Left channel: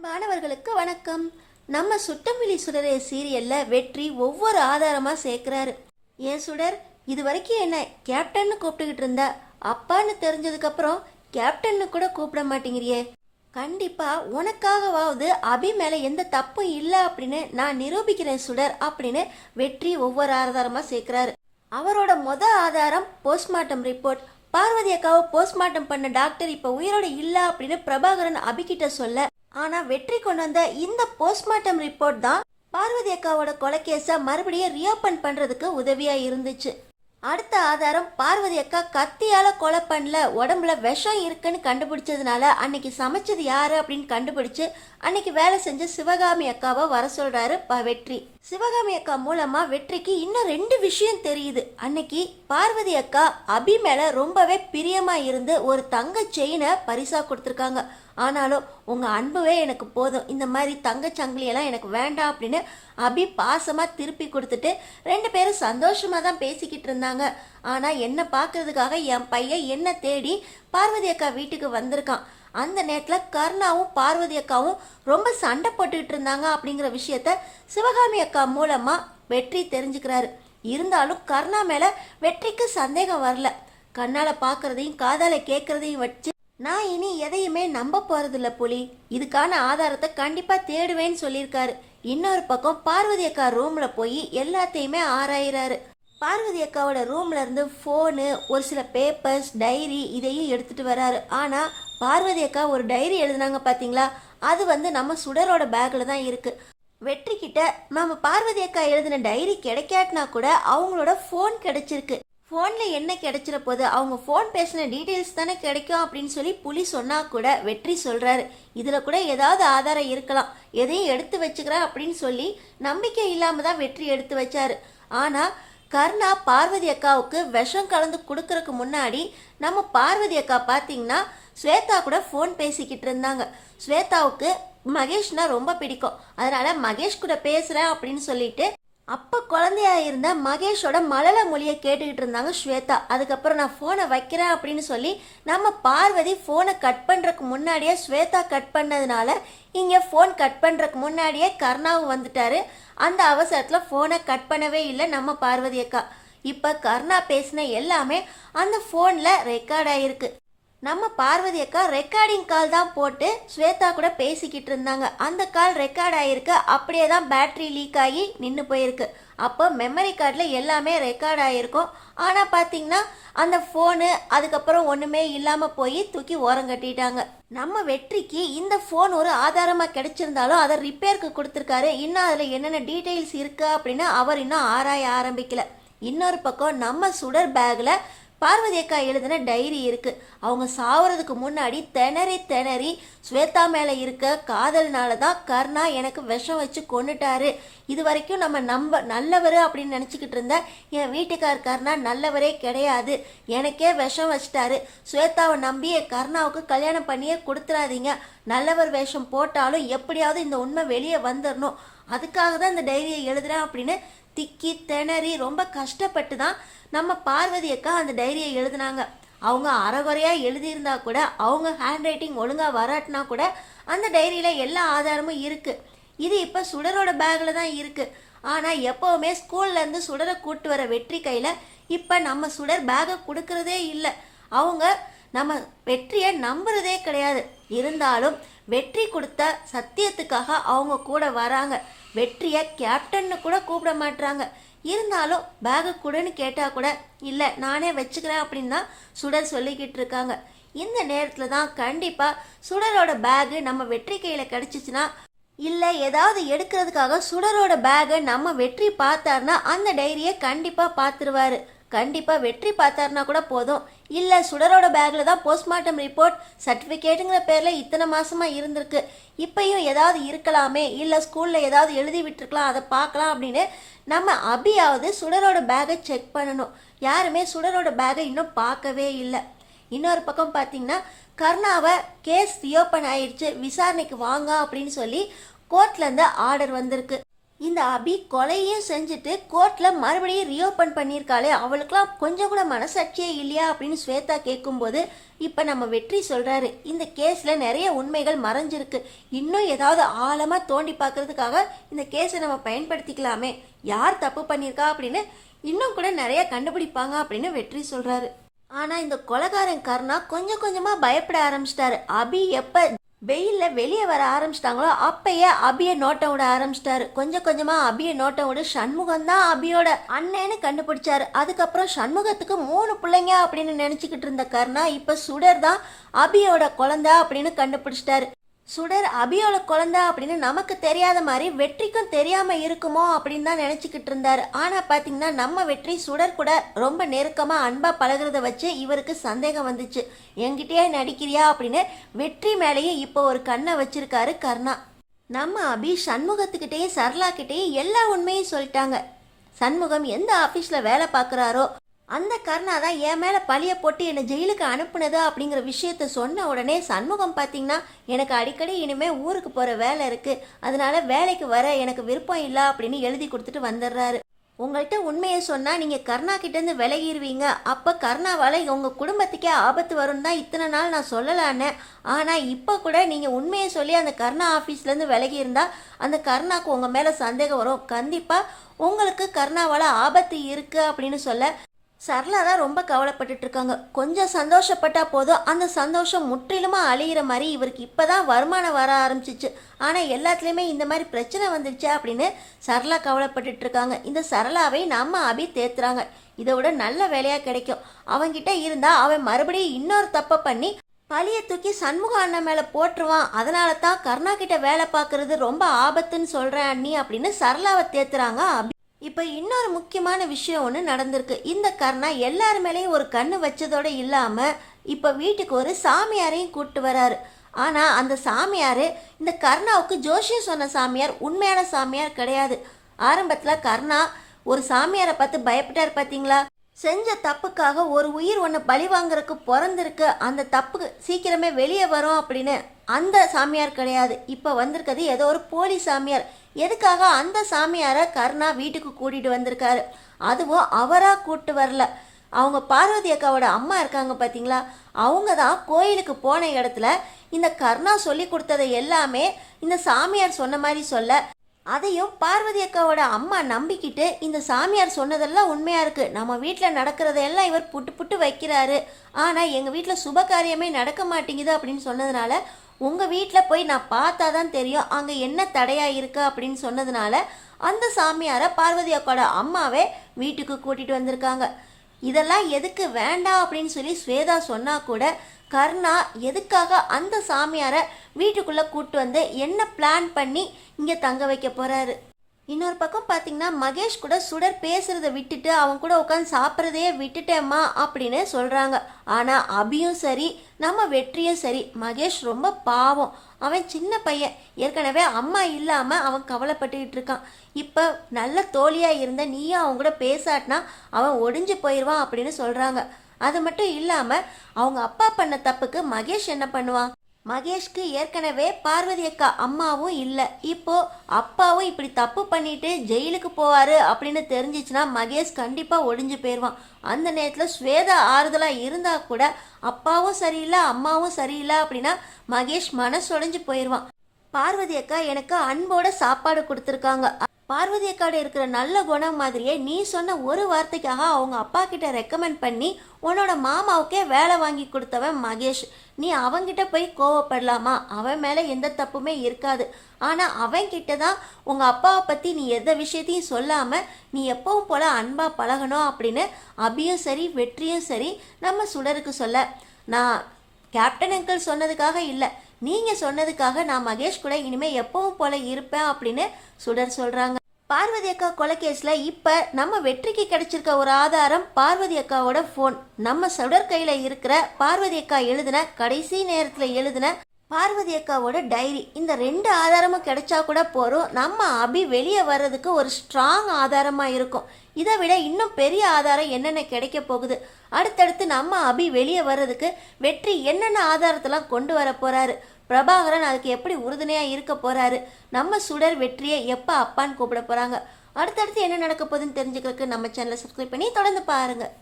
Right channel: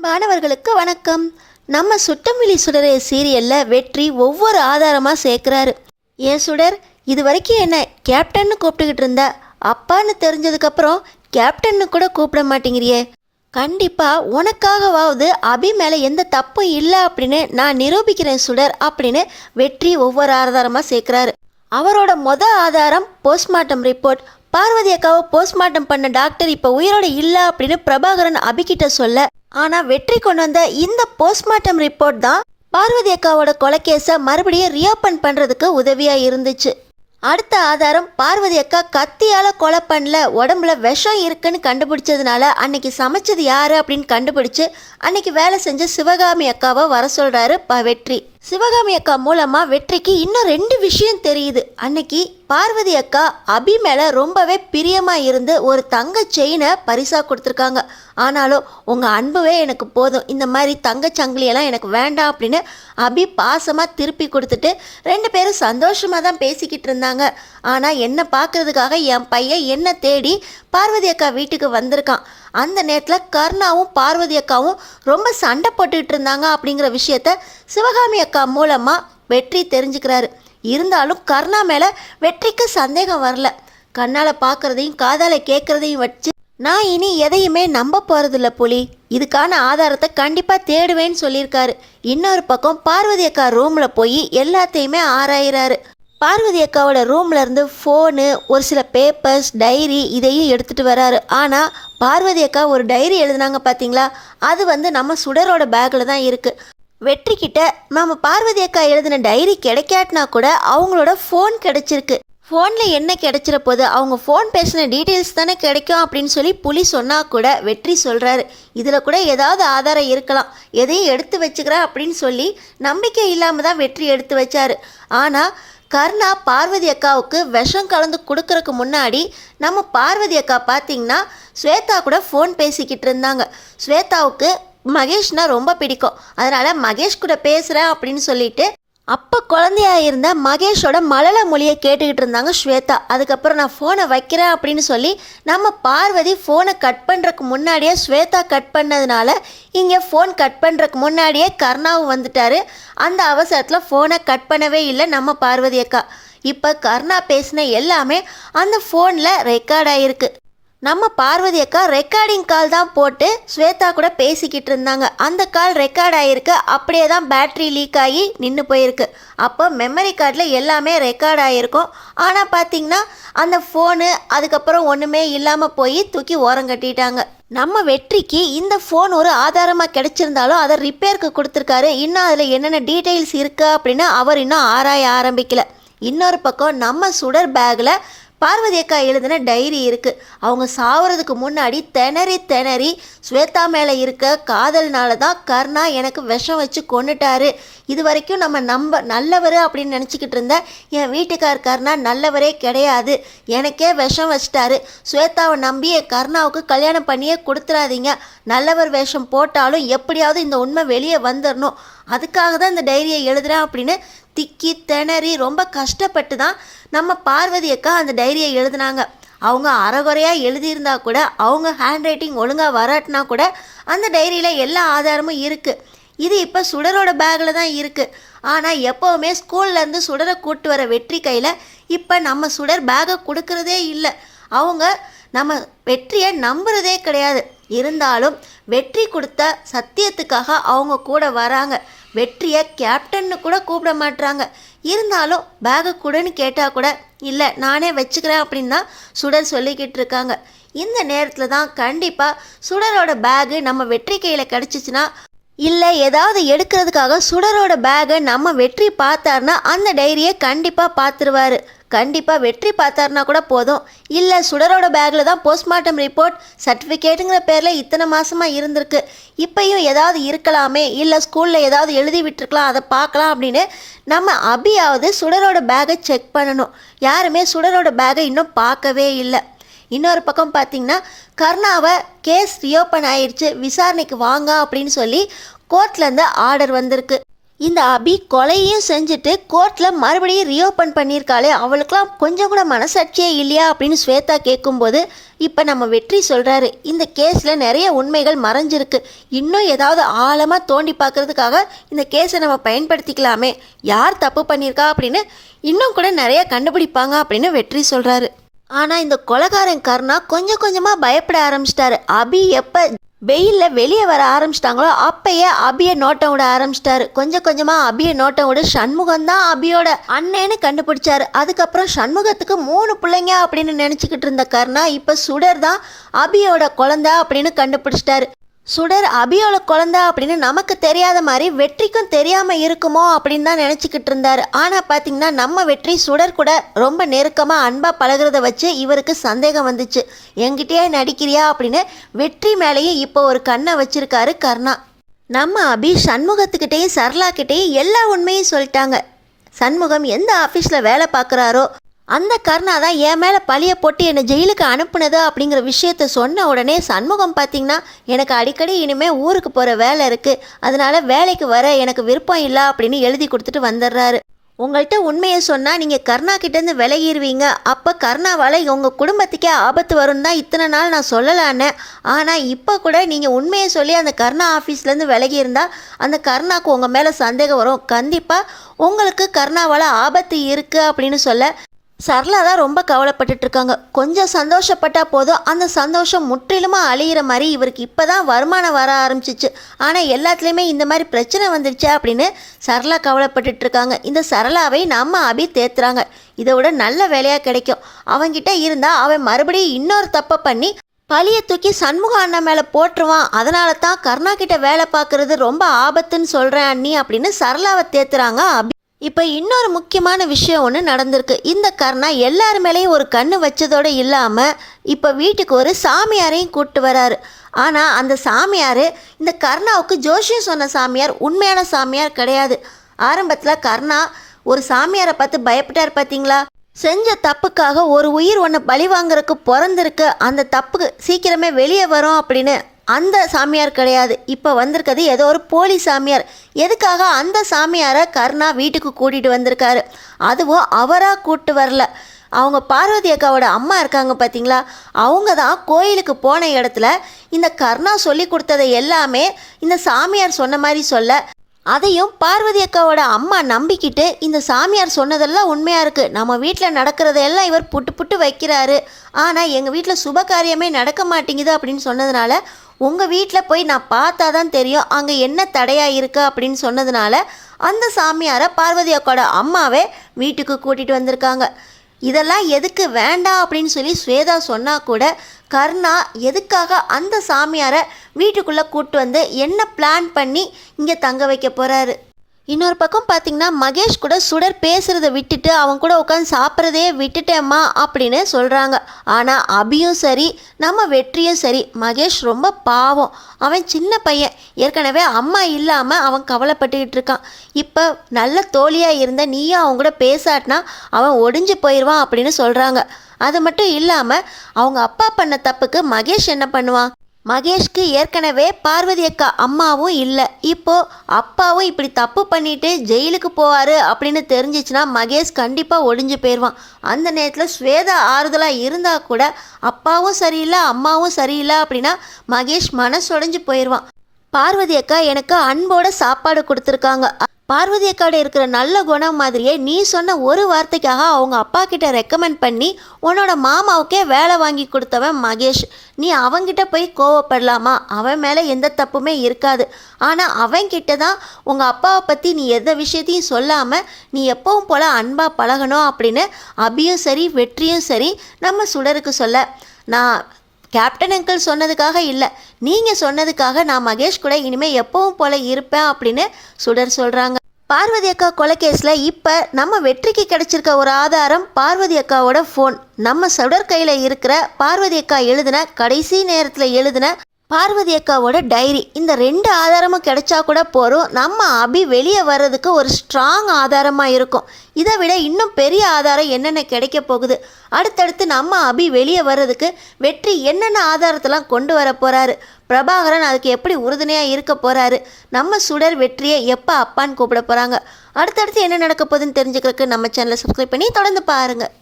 அன்பானவர்களுக்கு வணக்கம். நம்ம சுட்டமிழி சுடரே சீரியல்ல வெற்றி ஒவ்வொரு ஆதாரமாக சேர்க்குறாரு. ஏன் சுடர், இது வரைக்கும் என்ன கேப்டன்னு கூப்பிட்டுக்கிட்டு இருந்த, அப்பான்னு தெரிஞ்சதுக்கப்புறம் கேப்டன்னு கூட கூப்பிட மாட்டேங்கிறியே. கண்டிப்பாக உனக்காகவாவது அபி மேலே எந்த தப்பும் இல்லை அப்படின்னு நான் நிரூபிக்கிறேன் சுடர் அப்படின்னு வெற்றி ஒவ்வொரு ஆதாரமாக சேர்க்குறாரு. அவரோட ஆதாரம் போஸ்ட்மார்ட்டம் ரிப்போர்ட். பார்வதி அக்காவை போஸ்ட்மார்ட்டம் பண்ண டாக்டர் இப்போ உயிரோட இல்லை அப்படின்னு பிரபாகரன் அபிகிட்ட சொல்ல, ஆனால் வெற்றி கொண்டு வந்த இந்த போஸ்ட்மார்ட்டம் ரிப்போர்ட் தான் பார்வதி அக்காவோட கொலைக்கேஸை மறுபடியும் ரீஓப்பன் பண்ணுறதுக்கு உதவியாக இருந்துச்சு. அடுத்த ஆதாரம், பார்வதி அக்கா கத்தியால் கொலை பண்ணல, உடம்புல விஷம் இருக்குன்னு கண்டுபிடிச்சதுனால அன்னைக்கு சமைச்சது யாரு அப்படின்னு கண்டுபிடிச்சு அன்னைக்கு வேலை செஞ்ச சிவகாமி அக்காவை வர சொல்கிறாரு வெற்றி. சிவகாமி அக்கா மூலமாக வெற்றிக்கு இன்னும் 2 விஷயம் தெரியுது. அன்னைக்கு பார்வதி அக்கா அபி மேலே ரொம்பவே பிரியமாக இருந்து ஒரு தங்க செயினை பரிசாக கொடுத்துருக்காங்க. ஆனாலும் உங்கள் அன்புவே எனக்கு போதும், இந்த மாதிரி தங்க சங்கிலியெல்லாம் எனக்கு வேண்டாம் அப்படின்னு அபி பாசமாக திருப்பி கொடுத்துட்டு 2 பேரும் சந்தோஷமாக தான் பேசிக்கிட்டு இருந்தாங்க. ஆனால் என்னை பார்க்கறதுக்காக என் பையன் என்னை தேடி பார்வதி அக்கா வீட்டுக்கு வந்திருக்கான். அந்த நேரத்தில் கர்ணாவும் பார்வதி அக்காவும் ரொம்ப சண்டை போட்டுக்கிட்டு இருந்தாங்க அப்படிங்கிற விஷயத்த சிவகாமி அக்கா மூலமாக வெற்றி தெரிஞ்சுக்கிறாரு. இருந்தாலும் கர்ணா மேலே வெற்றிக்கு சந்தேகம் வரல. கண்ணால் பார்க்குறதையும் காதால் கேட்குறதையும் வச்சு நான் இனி எதையுமே நம்ப போகிறதில்ல புலி, இதுக்கான ஆதாரத்தை கண்டிப்பாக தேடுவேன்னு சொல்லியிருக்காரு. இன்னொரு பக்கம் பார்வதி அக்கா ரூமில் போய் எல்லாத்தையுமே ஆராயிறாரு. பார்வதி அக்காவோட ரூம்ல இருந்து ஃபோனு, ஒரு சில பேப்பர்ஸ், டைரி இதையும் எடுத்துகிட்டு வராரு. ஆனால் பார்வதி அக்கா ஒரு டைரி எழுதுனாங்க பார்த்தீங்களா, அது நம்ம சுடரோட பேக்கில் தான் இருக்குது. வெற்றிக்கிட்ட நம்ம பார்வதி அக்கா எழுதின டைரி கிடைக்காட்டினா கூட அவங்களோட ஃபோன் கிடைச்சிருக்கு. ஃபோனில் என்ன கிடைச்சிட போது, அவங்க ஃபோன் பேசின டீட்டெயில்ஸ் தானே கிடைக்கும் அப்படின்னு சொல்லி புலி சொன்னால் கூட வெற்றி சொல்கிறாரு, இதில் கூட ஏதாவது ஆதாரம் இருக்கலாம், எதையும் எடுத்து வச்சுக்கிறேன் அப்படின்னு சொல்லி நம்பிக்கை இல்லாமல் தான் வெற்றி எடுத்து வச்சாரு. ஆனால் கர்ணா பார்வதி அக்காவுக்கு விஷம் கலந்து கொடுக்கறதுக்கு முன்னாடி நம்ம பார்வதி அக்கா பார்த்தீங்கன்னா ஸ்வேதா கூட ஃபோன் பேசிக்கிட்டு இருந்தாங்க. ஸ்வேதாவுக்கு மகேஷ்னா ரொம்ப பிடிக்கும், அதனால் மகேஷ் கூட பேசுகிறேன் அப்படின்னு சொல்லிட்டு அப்போ குழந்தையா இருந்த மகேஷோட மலல மொழியை கேட்டுக்கிட்டு இருந்தாங்க ஸ்வேதா. அதுக்கப்புறம் நான் ஃபோனை வைக்கிறேன் அப்படின்னு சொல்லி நம்ம பார்வதி ஃபோனை கட் பண்ணுறதுக்கு முன்னாடியே ஸ்வேதா கட் பண்ணதுனால இங்கே ஃபோன் கட் பண்ணுறதுக்கு முன்னாடியே கர்ணாவும் வந்துட்டார். அந்த அவசரத்தில் ஃபோனை கட் பண்ணவே இல்லை நம்ம பார்வதி அக்கா. இப்போ கர்ணா பேசின எல்லாமே அந்த ஃபோனில் ரெக்கார்ட் ஆகிருக்கு. நம்ம பார்வதி அக்கா ரெக்கார்டிங் கால் தான் போட்டு ஸ்வேதா கூட பேசிக்கிட்டு இருந்தாங்க. அந்த கால் ரெக்கார்ட் ஆகிருக்கு, அப்படியே தான் பேட்ரி லீக் ஆகி நின்று போயிருக்கு. அப்போ மெமரி கார்டில் எல்லாமே ரெக்கார்ட் ஆகிருக்கும். ஆனால் பார்த்திங்கன்னா அந்த ஃபோனு அதுக்கப்புறம் ஒன்றுமே இல்லாமல் போய் தூக்கி ஓரம் கட்டிட்டாங்க. நம்ம வெற்றிக்கு இந்த ஃபோன் ஒரு ஆதாரமாக கிடைச்சிருந்தாலும் அதை ரிப்பேருக்கு கொடுத்துருக்காரு. இன்னும் அதில் என்னென்ன டீட்டெயில்ஸ் இருக்குது அப்படின்னு அவர் இன்னும் ஆராய ஆரம்பிக்கல. இன்னொரு பக்கம் நம்ம சுடர் பேக்கில் பார்வதி அக்கா எழுதின டைரி இருக்குது. அவங்க சாவறதுக்கு முன்னாடி திணறி ஸ்வேதா மேலே இருக்க காதல்னால தான் கர்ணா எனக்கு விஷம் வச்சு கொண்டுட்டாரு. இது வரைக்கும் நம்ம நல்லவர் அப்படின்னு நினச்சிக்கிட்டு இருந்த என் வீட்டுக்கார் கர்ணா நல்லவரே கிடையாது, எனக்கே விஷம் வச்சிட்டாரு. ஸ்வேதாவை நம்பி என் கர்ணாவுக்கு கல்யாணம் பண்ணியே கொடுத்துடாதீங்க, நல்லவர் வேஷம் போட்டாலும் எப்படியாவது இந்த உண்மை வெளியே வந்துடணும், அதுக்காக தான் இந்த டைரியை எழுதுகிறேன் அப்படின்னு திக்கி திணறி ரொம்ப கஷ்டப்பட்டு தான் நம்ம பார்வதி அக்கா அந்த டைரியை எழுதினாங்க. அவங்க அறகுறையாக எழுதியிருந்தா கூட, அவங்க ஹேண்ட் ரைட்டிங் ஒழுங்காக வராட்டினா கூட அந்த டைரியில் எல்லா ஆதாரமும் இருக்குது. இது இப்போ சுடரோட பேக்கில் தான் இருக்குது. ஆனால் எப்போவுமே ஸ்கூல்லேருந்து சுடரை கூட்டு வர வெற்றி கையில் இப்போ நம்ம சுடர் பேக்கை கொடுக்கறதே இல்லை. அவங்க நம்ம வெற்றியை நம்புறதே கிடையாது. இருந்தாலும் வெற்றி கொடுத்த சத்தியத்துக்காக அவங்க கூட வராங்க. வெற்றியை கேப்டன்னு கூட கூப்பிட மாட்டுறாங்க. இருந்தாலும் பேகை கூடன்னு கேட்டால் கூட இல்லை நானே வச்சுக்கிறேன் அப்படின்னு தான் சுடர் சொல்லிக்கிட்டு இருக்காங்க. இந்த நேரத்தில் தான் கண்டிப்பாக சுடரோட பேகு நம்ம வெற்றி கையில் கிடச்சிச்சின்னா, இல்லை ஏதாவது எடுக்கிறதுக்காக சுடரோட பேகை நம்ம வெற்றி பார்த்தாருன்னா அந்த டைரியை கண்டிப்பாக பார்த்துருவார். கண்டிப்பாக வெற்றி பார்த்தாருனா கூட போதும். இல்லை சுடரோட பேக்கில் தான் போஸ்ட்மார்ட்டம் ரிப்போர்ட் சர்டிஃபிகேட்டுங்கிற பேரில் இத்தனை மாதமாக இருந்திருக்கு, இப்பையும் ஏதாவது இருக்கலாமே, இல்லை ஸ்கூலில் ஏதாவது எழுதி விட்டுருக்கலாம், அதை பார்க்கலாம் அப்படின்னு நம்ம அபியாவது சுடரோட பேக்கை செக் பண்ணணும். யாருமே சுடரோட பேக்கை இன்னும் பார்க்கவே இல்லை. இன்னொரு பக்கம் பார்த்திங்கன்னா கர்ணாவை கேஸ் ரீஓப்பன் ஆயிடுச்சு, விசாரணைக்கு வாங்க அப்படின்னு சொல்லி கோர்ட்லேருந்து ஆர்டர் வந்திருக்கு. இந்த அபி கொலையும் செஞ்சுட்டு கோர்ட்டில் மறுபடியும் ரீஓப்பன் பண்ணியிருக்காளே, அவளுக்கெல்லாம் கொஞ்சம் கூட மனசாட்சியே இல்லையா அப்படின்னு ஸ்வேதா கேட்கும்போது இப்போ நம்ம வெற்றி சொல்கிறாரு, இந்த கேஸில் நிறைய உண்மைகள் மறைஞ்சிருக்கு, இன்னும் ஏதாவது ஆழமாக தோண்டி பார்க்கறதுக்காக இந்த கேஸை நம்ம பயன்படுத்திக்கலாமே, யார் தப்பு பண்ணியிருக்கா அப்படின்னு இன்னும் கூட நிறைய கண்டுபிடிப்பாங்க அப்படின்னு வெற்றி சொல்கிறாரு. ஆனால் இந்த கொலைகாரன் கருணா கொஞ்சம் கொஞ்சமாக பயப்பட ஆரம்பிச்சிட்டாரு. அபி எப்போ வெயிலில் வெளியே வர ஆரம்பிச்சிட்டாங்களோ அப்பயே அபியை நோட்டம் விட ஆரம்பிச்சிட்டாரு. கொஞ்சம் கொஞ்சமாக அபியை நோட்டம் விட சண்முகம் தான் அபியோட அண்ணன்னு கண்டுபிடிச்சாரு. அதுக்கப்புறம் சண்முகத்துக்கு 3 பிள்ளைங்க அப்படின்னு நினச்சிக்கிட்டு இருந்த கருணா இப்போ சுடர் தான் அபியோட குழந்தை அப்படின்னு கண்டுபிடிச்சிட்டாரு. சுடர் அபியோட குழந்தை அப்படின்னு நமக்கு தெரியாத மாதிரி வெற்றிக்கும் தெரியாமல் இருக்குமோ அப்படின்னு தான் நினச்சிக்கிட்டு இருந்தார். ஆனால் பார்த்தீங்கன்னா நம்ம வெற்றி சுடர் கூட ரொம்ப நெருக்கமாக அன்பாக பழகிறத வச்சு இவருக்கு சந்தேகம் வந்துச்சு. என்கிட்டயே நடிக்கிறியா அப்படின்னு வெற்றி மேலேயே இப்போ ஒரு கண்ணை வச்சிருக்காரு கருணா. நம்ம அபி சண்முகத்துக்கிட்டேயும் சரளாக்கிட்டேயும் எல்லா உண்மையும் சொல்லிட்டாங்க. சண்முகம் எந்த ஆஃபீஸில் வேலை பார்க்குறாரோ அந்த கருணா தான் என் மேலே பழிய போட்டு என்னை ஜெயிலுக்கு அனுப்புனது அப்படிங்கிற விஷயத்த சொன்ன உடனே சண்முகம் பார்த்திங்கன்னா எனக்கு அடிக்கடி இனிமேல் ஊருக்கு போகிற வேலை இருக்குது, அதனால் வேலைக்கு வர எனக்கு விருப்பம் இல்லை அப்படின்னு எழுதி கொடுத்துட்டு வந்துடுறாரு. உங்கள்கிட்ட உண்மையை சொன்னால் நீங்கள் கருணா கிட்டேருந்து விலகிடுவீங்க, அப்போ கருணாவால் உங்கள் குடும்பத்துக்கே ஆபத்து வரும்னு தான் இத்தனை நாள் நான் சொல்லலான்னு. ஆனால் இப்போ கூட நீங்கள் உண்மையை சொல்லி அந்த கருணா ஆஃபீஸ்லேருந்து விலகி இருந்தால் அந்த கருணாவுக்கு உங்கள் மேலே சந்தேகம் வரும், கண்டிப்பாக உங்களுக்கு கருணாவால் ஆபத்து இருக்குது அப்படின்னு சொல்ல சரளா தான் ரொம்ப கவலைப்பட்டுட்டு இருக்காங்க. கொஞ்சம் சந்தோஷப்பட்டால் போதும் அந்த சந்தோஷம் முற்றிலுமாக அழியிற மாதிரி இவருக்கு இப்போ தான் வருமானம் வர ஆரம்பிச்சிச்சு. ஆனால் எல்லாத்துலேயுமே இந்த மாதிரி பிரச்சனை வந்துடுச்சு அப்படின்னு சரளா கவலைப்பட்டுட்டு இருக்காங்க. இந்த சரளாவை நம்ம அபி தேத்துறாங்க. இதை விட நல்ல வேலையாக கிடைக்கும், அவங்கிட்ட இருந்தால் அவன் மறுபடியும் இன்னொரு தப்பை பண்ணி பழியை தூக்கி சண்முக அண்ணா மேலே போட்டுருவான், அதனால தான் கருணா கிட்ட வேலை பார்க்குறது ரொம்ப ஆபத்துன்னு சொல்கிறேன் அண்ணி அப்படின்னு சரளாவை தேத்துறாங்க அபி. இப்போ இன்னொரு முக்கியமான விஷயம் ஒன்று நடந்திருக்கு. இந்த கருணா எல்லார் மேலேயும் ஒரு கண்ணு வச்சதோடு இல்லாமல் இப்போ வீட்டுக்கு ஒரு சாமியாரையும் கூப்பிட்டு வராரு. ஆனால் அந்த சாமியார் இந்த கருணாவுக்கு ஜோஷியம் சொன்ன சாமியார் உண்மையான சாமியார் கிடையாது. ஆரம்பத்தில் கருணா ஒரு சாமியாரை பார்த்து பயப்பட்டார் பார்த்தீங்களா, செஞ்ச தப்புக்காக ஒரு உயிர் ஒன்று பழி வாங்குறதுக்கு பிறந்திருக்கு, அந்த தப்புக்கு சீக்கிரமே வெளியே வரும் அப்படின்னு அந்த சாமியார் கிடையாது. இப்போ வந்திருக்கிறது ஏதோ ஒரு போலி சாமியார். எதுக்காக அந்த சாமியாரை கருணா வீட்டுக்கு கூட்டிகிட்டு வந்திருக்காரு, அதுவும் அவராக கூப்பிட்டு வரல. அவங்க பார்வதி அக்காவோட அம்மா இருக்காங்க பார்த்தீங்களா, அவங்க தான் கோயிலுக்கு போன இடத்துல இந்த கருணா சொல்லி கொடுத்ததை எல்லாமே இந்த சாமியார் சொன்ன மாதிரி சொல்ல அதையும் பார்வதி அக்காவோட அம்மா நம்பிக்கிட்டு இந்த சாமியார் சொன்னதெல்லாம் உண்மையாக இருக்குது, நம்ம வீட்டில் நடக்கிறதையெல்லாம் இவர் புட்டு புட்டு வைக்கிறாரு, ஆனால் எங்கள் வீட்டில் சுப காரியமே நடக்க மாட்டேங்குது அப்படின்னு சொன்னதுனால உங்கள் வீட்டில் போய் நான் பார்த்தா தான் தெரியும் அங்கே என்ன தடையாக இருக்குது அப்படின்னு சொன்னதுனால அந்த சாமியாரை பார்வதி அக்காவோட அம்மாவே வீட்டுக்கு கூட்டிகிட்டு வந்திருக்காங்க. இதெல்லாம் எதுக்கு வேண்டாம் அப்படின்னு சொல்லி ஸ்வேதா சொன்னால் கூட கருணா எதுக்காக அந்த சாமியாரை வீட்டுக்குள்ளே கூப்பிட்டு வந்து என்ன பிளான் பண்ணி இங்கே தங்க வைக்க போகிறாரு. இன்னொரு பக்கம் பார்த்திங்கன்னா மகேஷ் கூட சுடர் பேசுகிறத விட்டுட்டு அவங்க கூட உட்காந்து சாப்பிட்றதே விட்டுட்டேம்மா அப்படின்னு சொல்கிறாங்க. ஆனால் அபியும் சரி நம்ம வெற்றியும் சரி மகேஷ் ரொம்ப பாவம், அவன் சின்ன பையன், ஏற்கனவே அம்மா இல்லாமல் அவன் கவலைப்பட்டுக்கிட்டு இருக்கான். இப்போ நல்ல தோழியாக இருந்த நீயும் அவங்க கூட பேசாட்டினா அவன் ஒடிஞ்சு போயிடுவான் அப்படின்னு சொல்கிறாங்க. அது மட்டும் இல்லாமல் அவங்க அப்பா பண்ண தப்புக்கு மகேஷ் என்ன பண்ணுவான், மகேஷ்க்கு ஏற்கனவே பார்வதி அக்கா அம்மாவும் இல்லை, இப்போது அப்பாவும் இப்படி தப்பு பண்ணிட்டு ஜெயிலுக்கு போவார் அப்படின்னு தெரிஞ்சிச்சுன்னா மகேஷ் கண்டிப்பாக ஒடிஞ்சு போயிடுவான். அந்த நேரத்தில் ஸ்வேதா ஆறுதலாக இருந்தால் கூட அப்பாவும் சரியில்லை அம்மாவும் சரியில்லை அப்படின்னா மகேஷ் மனசொடைஞ்சு போயிடுவான். பார்வதி அக்கா எனக்கு அன்போட சாப்பாடு கொடுத்துருக்காங்க, பார்வதி அக்காவோட இருக்கிற நல்ல குணம் மாதிரியே நீ சொன்ன ஒரு வார்த்தைக்காக அவங்க அப்பா கிட்ட ரெக்கமெண்ட் பண்ணி உன்னோட மாமாவுக்கே வேலை வாங்கி கொடுத்தவன் மகேஷ், நீ அவங்கிட்ட போய் கோவப்படலாமா, அவன் மேலே எந்த தப்புமே இருக்காது, ஆனால் அவன்கிட்ட தான் உங்கள் அப்பாவை பற்றி நீ எந்த விஷயத்தையும் சொல்லாமல் நீ எப்பவும் போல் அன்பாக பழகணும் அப்படின்னு அபியும் சரி வெற்றியும் சரி நம்ம சுடருக்கு சொல்ல, நான் கேப்டன் அங்கிள் சொன்னதுக்காக இல்லை, நீங்கள் சொன்னதுக்காக நான் மகேஷ் கூட இனிமேல் எப்பவும் போல் இருப்பேன் அப்படின்னு சுடர் சொல்கிறாங்க. பார்வதி அக்கா கொலை கேஸில் இப்போ நம்ம வெற்றிக்கு கிடைச்சிருக்க ஒரு ஆதாரம் பார்வதி அக்காவோட ஃபோன். நம்ம சுடர் கையில் இருக்கிற பார்வதி அக்கா எழுதின கடைசி நேரத்தில் எழுதின பார்வதி அக்காவோட டைரி, இந்த 2 ஆதாரமும் கிடைச்சா கூட போகிறோம். நம்ம அபி வெளியே வர்றதுக்கு ஒரு ஸ்ட்ராங் ஆதாரமாக இருக்கும். இதை விட இன்னும் பெரிய ஆதாரம் என்னென்ன கிடைக்க போகுது, அடுத்தடுத்து நம்ம அபி வெளியே வர்றதுக்கு வெற்றி என்னென்ன ஆதாரத்தெல்லாம் கொண்டு வர போகிறாரு, பிரபாகரன் அதுக்கு எப்படி உறுதுணையாக இருக்க போகிறாரு, நம்ம சுடர் வெற்றியை எப்போ அப்பான்னு கூப்பிட போகிறாங்க, அடுத்தடுத்து என்ன நடக்க போகுதுன்னு தெரிஞ்சுக்கிறதுக்கு நம்ம சேனலை சப்ஸ்கிரைப் பண்ணி தொடர்ந்து பாருங்கள்.